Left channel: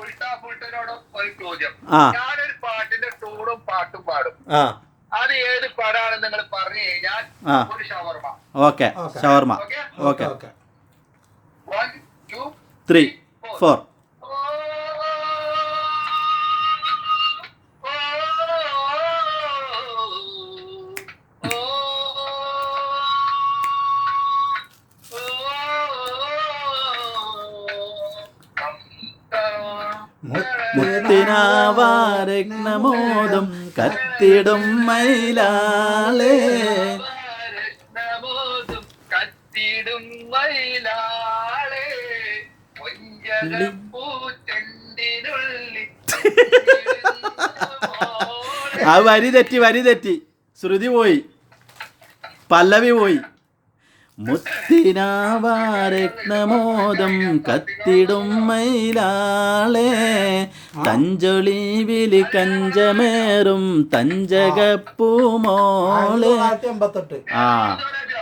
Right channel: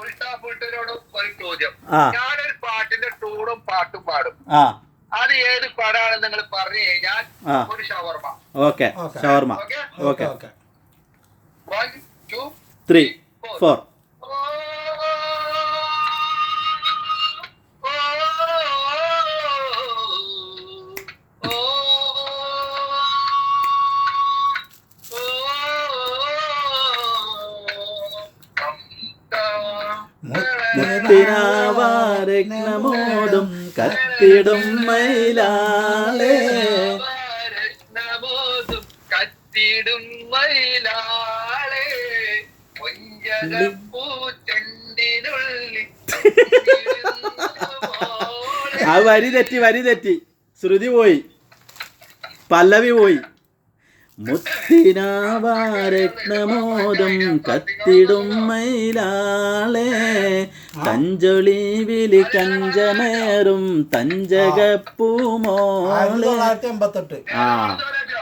ഉൾട്ടാപുൾട്ടനോടും ഒരു ചോദ്യം. ഞാനൊരു പാട്ടിന്റെ ടൂണും പാട്ടും പാടും. അത് ഏത് പടാണെന്ന് നിങ്ങൾ പറഞ്ഞു കഴിഞ്ഞാൽ ഒരു ഷവർമ. ഓക്കെ, ഷവർമ. ഓക്കെ, 1 2 3 4. മുത്തിനാവാരഗ്നമോദം കത്തിടും മയിലാളേ, കത്തിടും മയിലാളേ, ആ വരി തെറ്റി, ശ്രുതി പോയി, പല്ലവി പോയി. മുത്തിനാവാരഗ്നമോദം കത്തിടും മയിലാളേ, തഞ്ചൊളിവില് കഞ്ചമേറും തഞ്ചകപ്പൂമോളെ.